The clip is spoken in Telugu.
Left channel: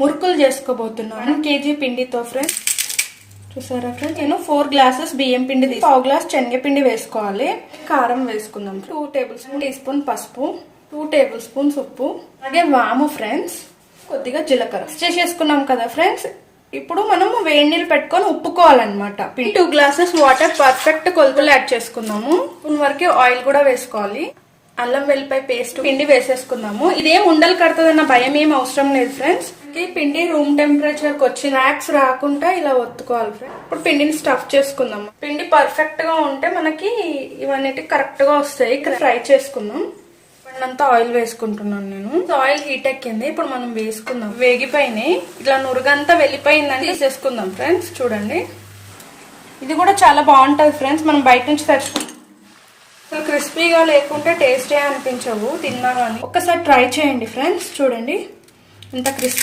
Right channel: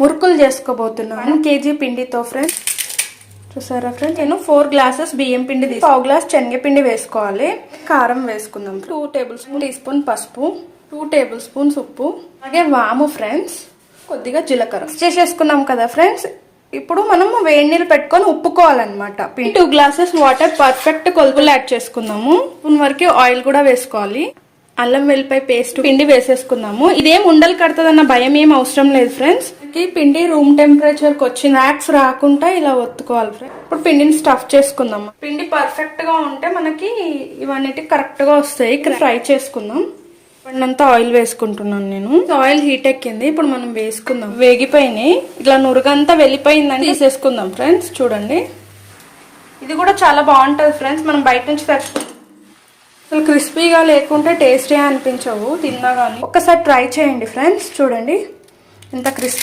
మురుకులు చేసుకోబోతున్నాను 1 kg పిండితో ఫ్రెండ్స్. చూసారా ఫ్రెండ్స్, నేను 4 గ్లాసెస్ బియ్యం పిండి తీసి 1/2 గ్లాస్ శనగపిండి వేసుకోవాలి. కారం వేసుకుందాం. 2 టేబుల్ స్పూన్ టీ స్పూన్ పసుపు, 2 టేబుల్ స్పూన్స్ ఉప్పు, అలాగే వాము ఫ్రెండ్స్, కొద్దిగా జీలకర్ర చేసేసుకున్నాం కదా ఫ్రెండ్స్. ఇప్పుడు మనం వేడి నీళ్ళు పెట్టుకొని ఉప్పుకోవాలన్నమాట. 2 గ్లాసెస్ వాటర్ పర్ఫెక్ట్ కొలుపులు యాడ్ చేసుకుందాము. స్పూన్ వరకు ఆయిల్ కూడా వేసుకోవాలి. అల్లం వెల్లిపాయ పేస్ట్ పిండి వేసేసుకుందాము. ఇదేం ఉండలు కడుతుందన్న భయం ఏం అవసరం లేదు ఫ్రెండ్స్. పిండి రూమ్ టెంపరేచర్ కి వచ్చి నాక్స్ రాకుండా ఇలా ఒత్తుకోవాలి ఫ్రెండ్స్. ఇప్పుడు పిండిని స్టఫ్ చేసుకుందాం. పిండి పర్ఫెక్ట్ గా ఉంటే మనకి ఇవన్నీ కరెక్ట్ గా వస్తాయి. ఫ్రై చేసుకుందాం. అంతా ఆయిల్ వేసుకుంటున్నాను నేను. ఆయిల్ హీట్ ఎక్కింది. ఇప్పుడు మనం వేసుకుందాం. వేగిపోయినాయి. ఇట్లా నురుగంతా వెళ్ళిపోయిందని తీసేసుకుందాం ఫ్రెండ్స్. చూడండి, ఇది కూడా చాలా బాగుంటది ఫ్రెండ్స్. మనం బయట నుంచి తెచ్చుకుంటాం. అసలు క్రిస్పీగా లేకుంటే టేస్టీ అనిపించవు తిన్నా కానీ. ఒక్కసారి ట్రై చేయండి ఫ్రెండ్స్. చూడండి ఎంత క్రిస్పీ